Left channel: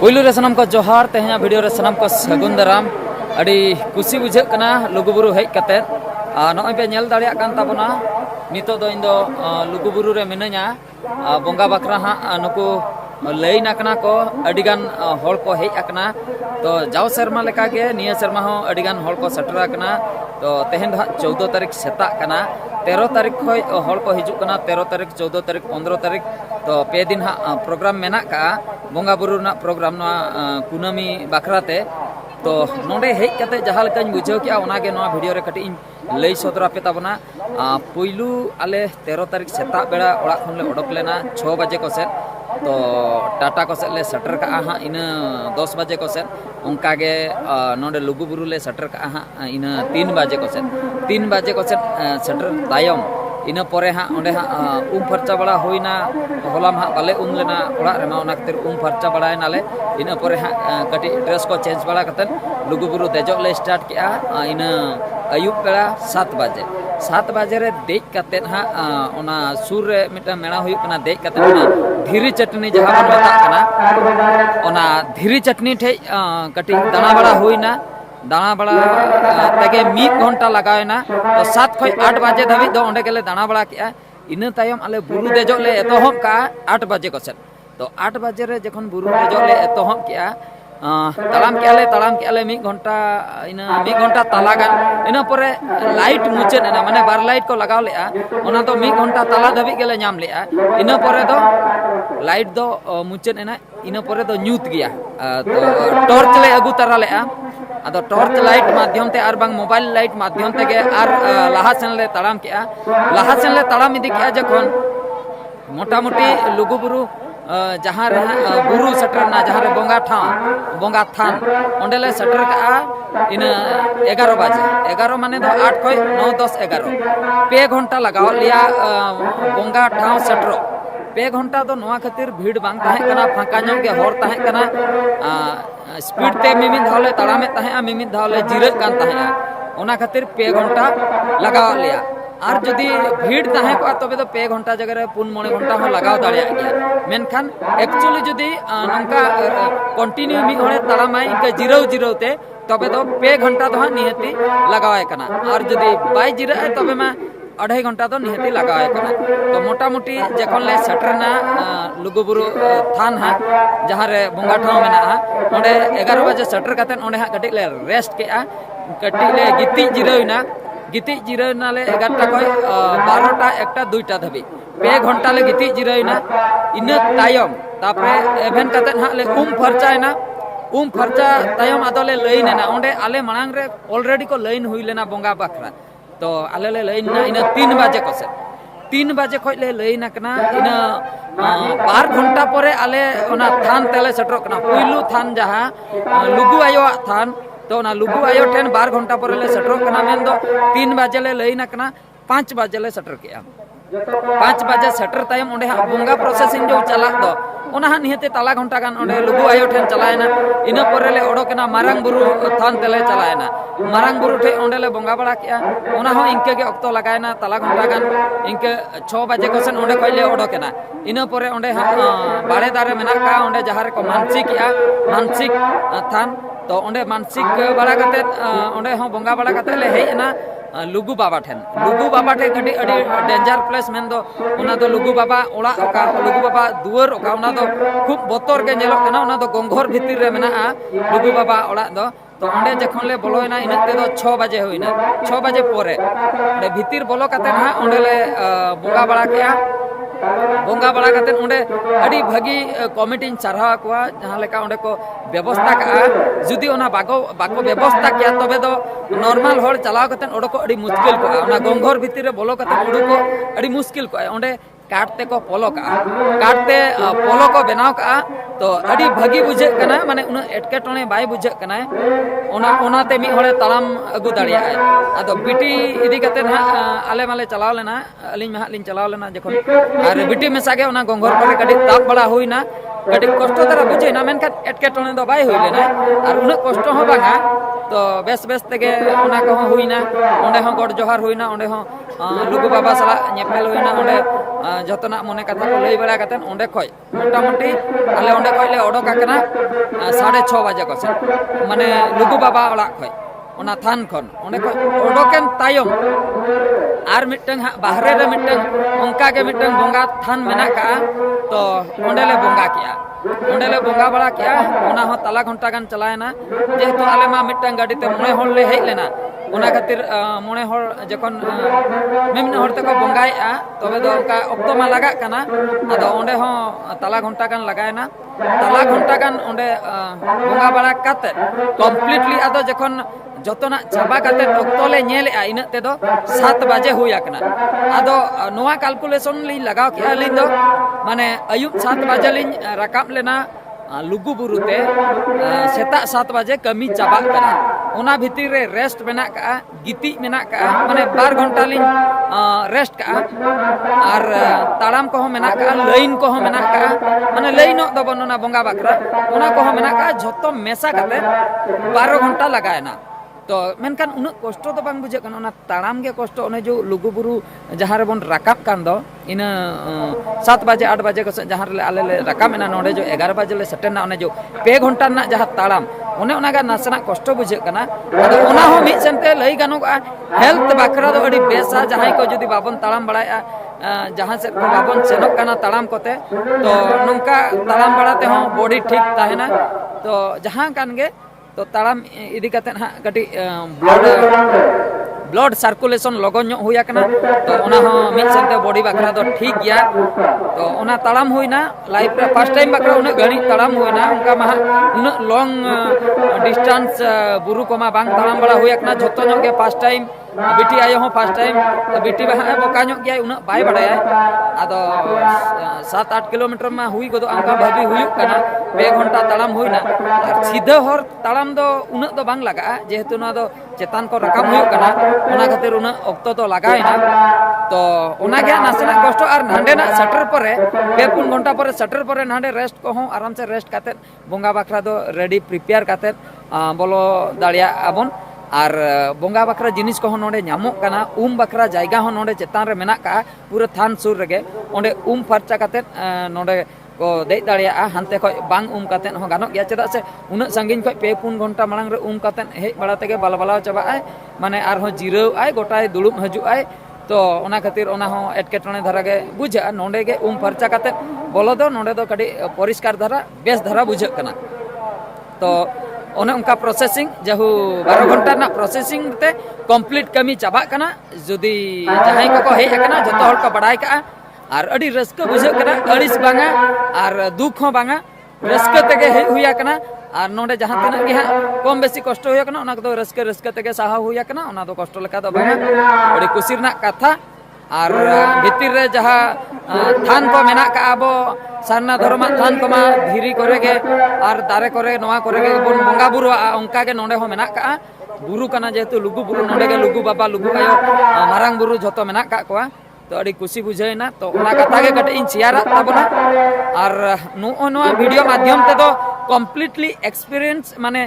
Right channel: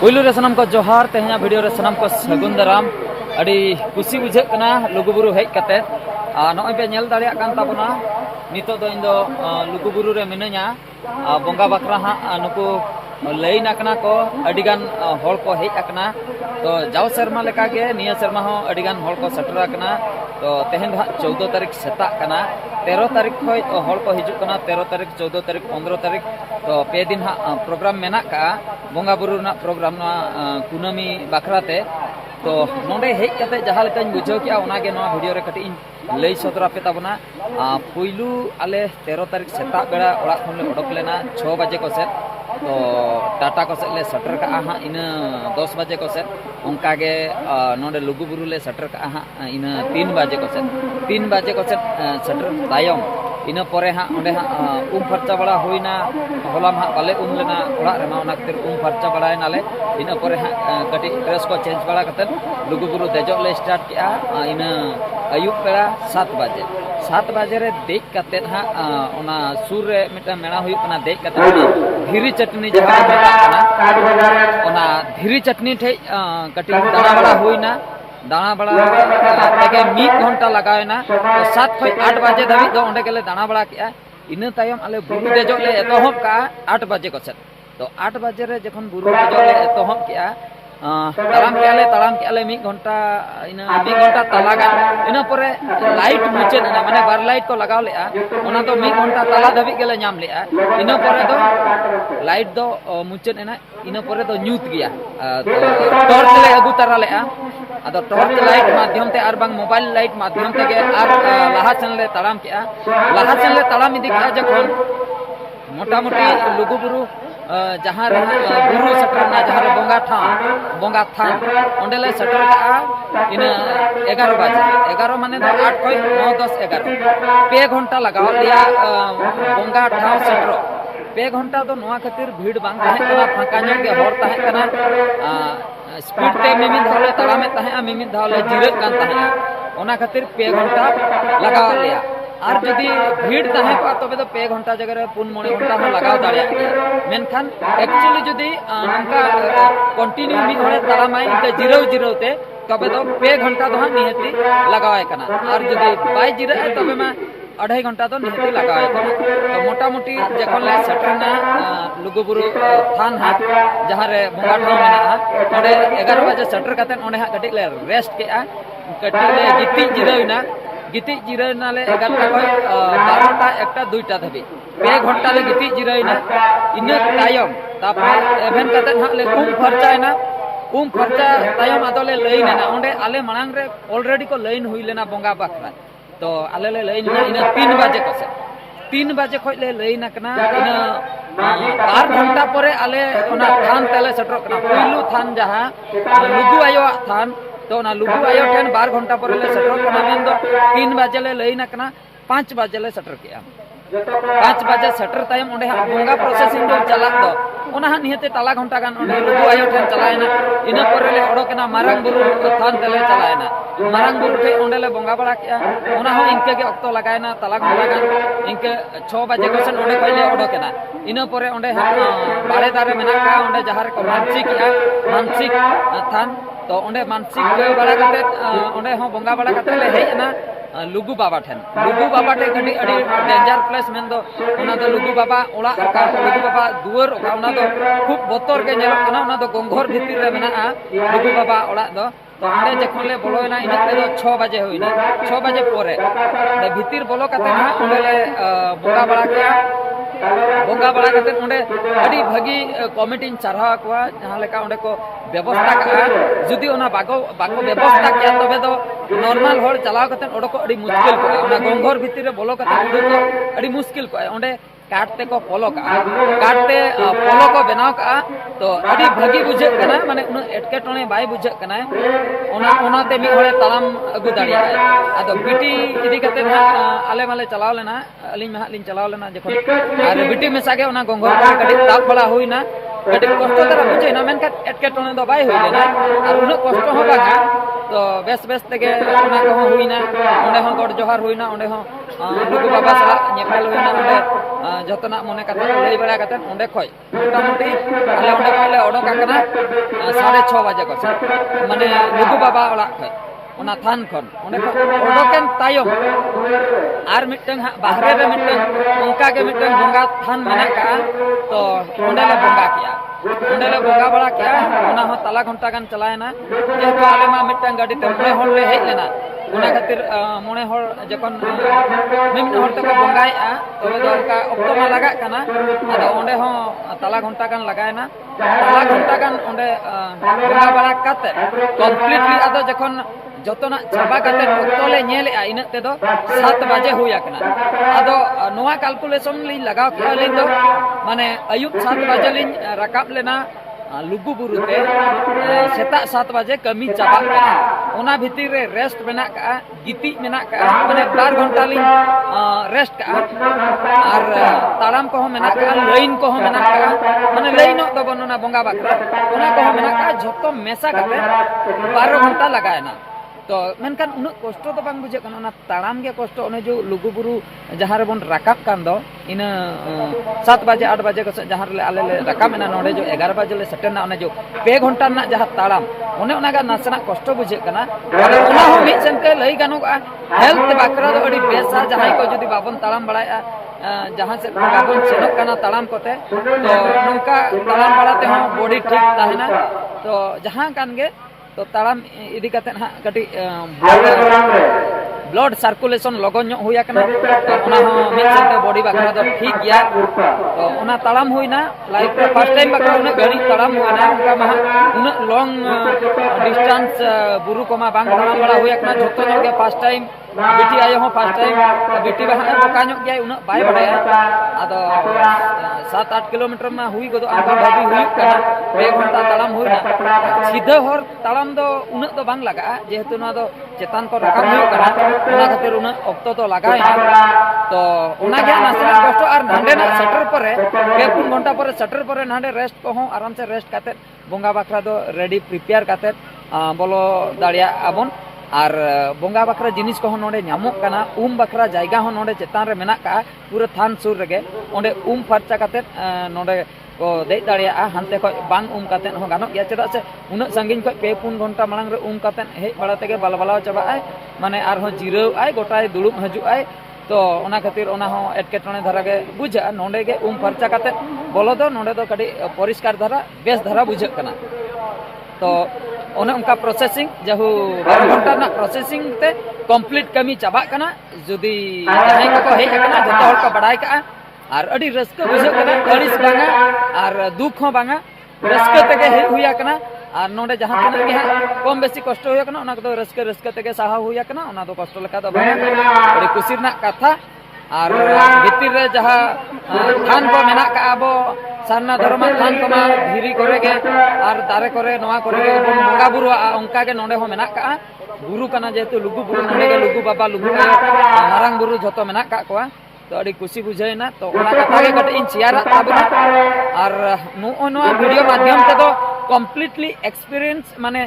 पुलू रे सनम को जोहार तेहना वीडियो रे सनम को सगुन दाराम अड़ी कुसी बुझे कना लुगुबुरु हेज कते नॉय पे नेल दाड़िया कान ताबना नितो दो इन दो लुगुबुरु रे मिनया बोंगा बकरा हा नुकु लई नाकना को अडिगान होड़ को हेज अकना तो जाव शर्मा लेका के निया शर्मा हो अडिगान होड़ को सटर अकना तो तेहन 14 तारीख सेता कना 13 तारीख खय होड़ को हिजु कना 13 तारीख 14 तारीख 15 तारीख तो पे दिन हा प्रोग्राम मेना का बोंगा बुरु ना प्रोग्राम ना कुनामी बखराते तो नोडे हेज कते जहां लेका बुझाव किया ओनागे नोआ वीडियो रे कटी लई सदरा पे ताबना पुइलू आले 13 तारीख सेता बेड़ा ओड़ा खन ले ओडक लेना 6 बजे को से तो टाटा को ले सटर का हाँ इन 10 बजे को से उनका के नोडे लुगुबुरु ले सटर का हाँ इन 3 बजे को से 3 बजे को से सटर तायम इन परे हाँ ओंडे हाँ फर्चा बड़ा हुईना हलाम हाँ बाले लेना ओड़ा रेमा ओना खातिर फर्चा बड़ा नाले इन परे हाँ कटी ड्रेस को चेंज बड़ा कते लुगुबुरु देजो ले स्टार्ट किया इन अयुब बेड़ा 7 बजे 7 बजे रे देख कते हाँ ओना सुर रे मिटा मेना हुई कना देख कते धीरी चटनी जहाँ को मेता कना ओना धीरी चटनी ठे कटी दाना बड़ा हुईना दाना बड़ा तगे 1 घंटा लगायना तो 7 खय 8 बजे धाबी दो ओंडे गेले दाना बड़ा किया इन तायम आले बुरु देजो ले एतोहब का 8 बजे को से तो 8 बजे रे जखन बुरु देजो ले एतोहब किया तालाम के आले 1 घंटा इन 1 घंटा तला गान इन परे लाइट मुचेद ना माने बार लाइट को लगाव लेआ ओना तो 1 घंटा तला धाबी गेले नाम लेआ इन परे दो लाइट दो मुचेद ना इन परे दो न्यूत गया तो टॉर्च ले अगु तरा लेआ अदो टॉर्च लाइट माध्यम ते आर बांग मोबाइल लाइट माध्यम ते के आर लाहा सेन ले तालाम केआ लाहा सेन ले तालाम इदी के जखन मोटा मोटी लुगुबुरु जहाँ बुरु सटर ना जहाँ बोंगा थान ओंडेले सटर का इन 11 बजे 11 माने दो 8 खय 9 10 11 पे घंटा लगाव लिया बोंगा ठाव सटर पे घंटा तो नोआ खातिर भीड़ बांग ताहे कना फांका ᱧᱚᱜ गे होर ताहे कना स्पीड ते मिमिन धावले तड़ामे ताहे मिमिन धावले जिरे कान ताहे ओना खातिर पे घंटा लगाव लिया और जदि भीड़ ताहे को तबे तो पे घंटा जगह रे 4-9 घंटा हो लगाव दाड़िया गया मेनखान एक्चुअली जदि नंका कंटिन्यू मी होरे तड़ामाय इनके जिरो ते तबे तो पे घंटा तो निहती लगावे कना और जदि बाय जिरे तबे में 2.5 घंटा तो निहती लगावे कना तो मोटा मोटी जखन ले सटरना लुगुबुरु थान हा जहाँ रे बोंगा ठाव मेना ओंडे 11 बजे सटर कते ओंडे हा कटी ले रेस्ट केआ कटी ले गिती जिराना ले 11टा खय 12टा 1टा 2टा धाबी पे घंटा ले गिती जिराना इने तायम तापरे एभेन कते हा ले फरचायना फरचा तायम आदोले लाइन ना ओंडे आले मांग रे ऑलरेडी को लाइन हुई लेना बोंगा बखरा तो आले ले लाइन ना इन 3 बजे को से 3 बजे खय ले लाइन कना इन 2 घंटा परे आले ओना थान तले सटर कना पुइलू थान जहाँ लुगु आयो थान तो ना लुगु आयो ठेन 2 घंटा पर ले सटर कना मेन दो 3 बजे ले लई नकना 5 बजे ले सटर किया 5 बजे सटर तायम ओंडे हा बोंगा प्रोसेसिंग जो चला दो ओना हा निहते तला घंटा गान ओंडे लुगु आयो ठेन चलायना इना पर ले ओडोकना मारंग बुरु थान तले चलायना मारंग बुरु ठे ओंडे ले बोंगा बड़ा किया ओना हो इनके के ऑक्तो लगायना तला घंटा गान इनके 6 बजे को सन ओंडे कइले ओडोकना इना परे ओंडे हा बाड़े दारे मेना का ओंडे जहार को मानसिक थान तो ओंडे मानसिक बड़ा कते ओंडे हो बोंगा बड़ा कते ले हेजना लुगु बाबा ठेन कटी अड़ी डेंजर प्लेस मेन दो ओना दो लुगु बाबा ओड़ा ओका लुगु बाबा दुआर ओका ओना दो खूब बोतर के नेलो कना ओना दो गोंघर भीतर रे मेना लुगु बाबा ओड़ा दो तो ओंडे जखन ले बोलोयना इन ते दो 6 बजे होइना 6 बजे परे ओंडे भीतर बोलो कते ना ओंडे ले बोंगा बड़ा केया बोंगा बड़ा कते ओंडे अड़ी भागी कमिटी चारहा कोआ जहां लेका ओंडे को व्यवस्था का जुदी ओना बाको व्यवस्था किया तबे दो नॉर्मल होड़ चलाव कते ओडो को अड़ी मुश्किल को ओना गोंघर भीतर रे बोलो कते ओडो को अड़ी मुश्किल को ओंडे काटते को पोलो को बनाव का तो अड़ी भागी बुझे कना माने उन एटके टोने बाय बुझे कना ओना ते मी होड़े तलाम अगु दाड़िया आदो बिटी इदी कते ना आले माले चलाव लेना अलिन में लिन चलाव लेना जखन और बिटी में सागे ओना गोंघर को कड़ी ताप बड़ा होइना कड़ी कष्ट तारा बुझे ना मेनका एटके टोने दो बाय होई लेना और उन कष्ट हो बागा तो बेस बेस तेगे ओना को हुईना ओंडे हो गॉड जोहार हुईना ओंडे हो लुगु बाबा सला नेपेल हुईना ओंडे जतना मने कथा को लई बड़ा कतन ओंडे खय मोटामुटी आले ओंडे खय ले ओडोक आकना 6:30 बजे को से माने लुगु बाबा ओला खय ओना थान खन ओंडे खय ओडोकेन तायम आर मिटंग बाहरे रे मिटंग उनका के मिटंग बोंगा थान मेना का तो ओंडे ले बोंगा किया ओंडे ले बोंगा बड़ा किया ओना हो तला घंटा गान चलायना जेहेतु आले मा मिटंग गाड़ी ते मोने होल ले हेज लेना ओना खातिर मोने होल जखन मेमने होर तक बोंगायआ तबे दो उनका ऑक्टो मा लगा कना आदो ओंडे हो तला घंटा गान लगायना तला घंटा गान ओंडे बोंगा बड़ा काते कम्प्लीटली आदो जखन जतना चाबा काते ऑक्टो ले नेलेआ इन तेदो 7 बजे हुई आकना आदो नोआ कैलकुलेशन ली लगाव किया लिन दो माने अयुब 7 बजे लिन राकाब लेना लुगु बुरुते सेता 7 बजे कमी चाबा कना ओना भितिर रे रेस्ट मेना का गिति मेना का माने 12 घंटा लिन रेस्ट का और ताड़ाम को मेना का लाइन को मेना का माने लाइन दो बनना बोंगा बाकरा ओना को मेना का झोतो मेसा काते 12 घंटा लगायना तो मेनकान उन कष्ट तो बांग बुझे कन ओना ताड़ाम गे कष्ट ओने जो लुगु बुरु जहां रे बन राकाब कान दो इन 7 बजे 8 बजे को जहां रे आले ले राकाब मेना नोडे जो 11 बजे ले सटेना ओने जो 2 घंटा ना जहां ताड़ाम ओने ओना गा नासना कष्ट बुझे कना आदो ओना हो मिट सेनते लई गानो हेल्थ बाकरा दो अडी बेसा जहां को जदी बाबन ताड़ाम बड़ाया जहां से बाबन सेनक कना ताड़ाम कोते तो नंका ताड़ाम बड़ाते हो बॉडी ठीक ताहेना तो जहां कान गे तो ताड़ाम इदी कते हा कटी ब्लड सर्कुलेशन लगन ᱧᱚᱜ हुई आकना तो ओना हो मिट सेनते बॉडी बाकरा दो ठीक गया तो ओना ताड़ाम हुईना लाइफ रे फर्स्ट टाइम बाकरा उना घड़ी ताड़ाम हुईना उनका मा उना लॉन्ग डिस्टेंस बुरु को मा बांग ताड़ाम बड़ा हुई आकना झोतो ᱧᱚᱜ गे फर्स्ट टाइम बिटी आयो हो फर्स्ट टाइम बिटी बहा बोका ᱧᱚᱜ गया उना बाय बड़ाया आदो 7-8 किलोमीटर मा हुई गदो आंका भाबी हुई कना 2 घंटा ताड़ाम हुईना सीधा हर ताड़ाम दो उना दो बांग लगा जेहेतु ना दो चेतान को रकाब हुई कना ओना खातिर उना ऑक्टो तो लगायना तो ओना गे नासना कष्ट और नांडे ना सटर परे 2-3 घंटा परे सटर परे नांडे रेस्ट को हो आराम से रेस्ट काते बोंगा बाखरा दो रेडी प्रिपेयर काते बोलो दाड़िया आबन और बोंगा बाखरा जिनिस को नोडे नामो कना बाखरा जायगा हो नोडे चेतान रे मेना का पूरा थान सुर रेगे ओंडे फर्चा काते नोडे को देज दाड़िया हानते खय बांग काते हो गानो गया चेदा से उना संगिन खय 2-3 घंटा मांग रे काते हेज बड़ा तेगे बालबाला चाबा आय माने आर हो जिराव आय गोटाय दुड़ुब हजु आय तो ओना खातिर ओना हो एटकेटणे धारा गे बुझा नोडे गे फर्चा काते बोलो दो नोडे दो कडी परिष्कार धारा बेस धारा बुझा कना तो ओने उनका प्रोसेसिंग जहु 12 घंटा ना प्रोसेसिंग ते कंप्लीट कमी चाबा कना जदी जहां को हेज कना जतो हर को बड़ाय का और अडी रस्क बुझा कना अड़िस बांगा और दुख हो बांगा रस्क तेगे हेज हुया कना और नोडे जहां तने के कम बेसी कष्ट हुया कना ओना को रस्क तेगे साहा हुया कना ओना दो कष्ट लेका दो बांगा अडी खुशी रना कथा और भितर रे जहां थान को मेना का आबो सारना धर्म थान को मा धीरी करे गे और दारे करे नोआ करे गे बन बोंगा बुरु उनका के नोडे हो मेना का बुरु कना जेतु लुगु बुरु नोडे गे लुगु बाबा लुगु आयो मारांग बुरु जतो मेना का कोआ तो अड़ी खुशी बुझाइना तो ओना कथा गे कटे इन शेयरा ताबना और नोआ वीडियो माध्यम ते दो कम्प्लीटली एक्सपीरियंस माने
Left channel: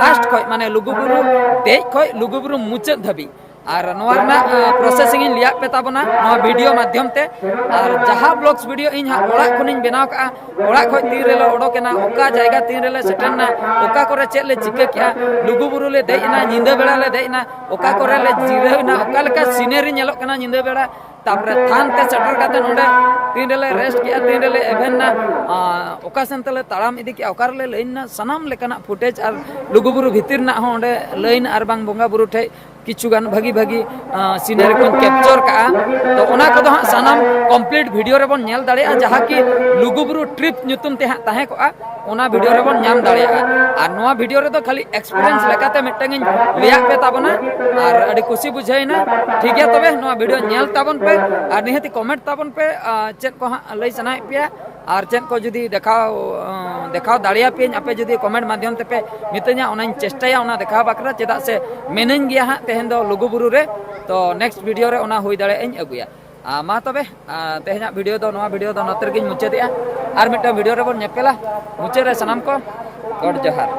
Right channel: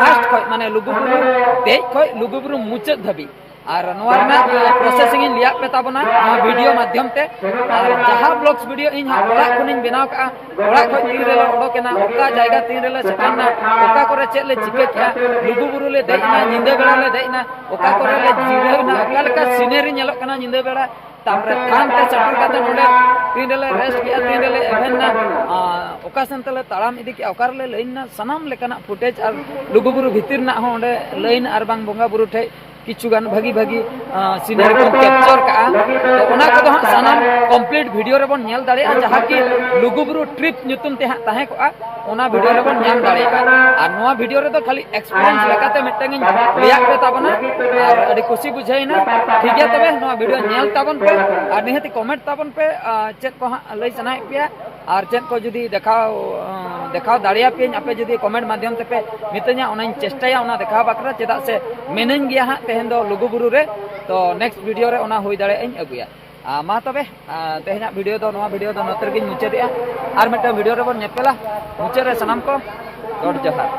फास्ट खय माने लुगु बुरु तेज खय लुगु बुरु मुचाद धाबी और नोरना प्रोसेसिंग इन लिया पे ताबना नोआ वीडियो माध्यम ते और जहां ब्लॉग्स वीडियो इन हा ओड़ा खुनिन बेनाव का ओड़ा खय तीन रे ओडोकेना ओका जायगा तीन रे सेटना ओका करे चेक ले चिके क्या लुगु बुरु ले देइना निंदा बेड़ा ले देइना ओका करे ले जिरावना ओका लेका सीनरी नेलो कना निंदा बेड़ा तापरे थान ते सेटल काते नोडे तीन रे रेस्ट किया तीन रे एवेन ना ओका सेंतले ताड़ाम इदी कि ओकार ले लाइन ना सनाम लेकना फुटेज और लुगु बुरु भितिर ना हो ओंडे लाइन और बांग बोंगा बुरु ठे किचुगान भागी भागी सीनरी को कैप्चर का तो ओना को दो सानाम कंप्लीट वीडियो रे बन नेल दाड़े जहां कि लुगुबुरु ट्रिप नुतुम ते ताहे को ओना वीडियो रे बन नाम दाड़े और नोआ वीडियो रे तो खाली एक्सपीरियंस लेकाते मिटंग लिया पे ताबना और अडी खुशी बुझाइना ठीक है तबे नोआ वीडियो नेल ताबन पे और निहति कमेंट ताबन पे चेक को लई सनाय पे और चेक को जदी देखाव दाड़िया पे आपे जदी कमेंट माध्यम ते पे मितኛ ओनाኝ चेष्टाया ओना देखाव बाकरा चेदा से मेनन गया हा तेहन दो लुगुबुरु रे तो नेक्स्ट वीडियो रे ओना हुई दाड़े इन अगुया मा तबे तेहना वीडियो दो नोआ वीडियो दो नतर गिन मुचादिया और मिटा वीडियो रे बन नेपेला मुचे रे सनाम को गॉड जोहार।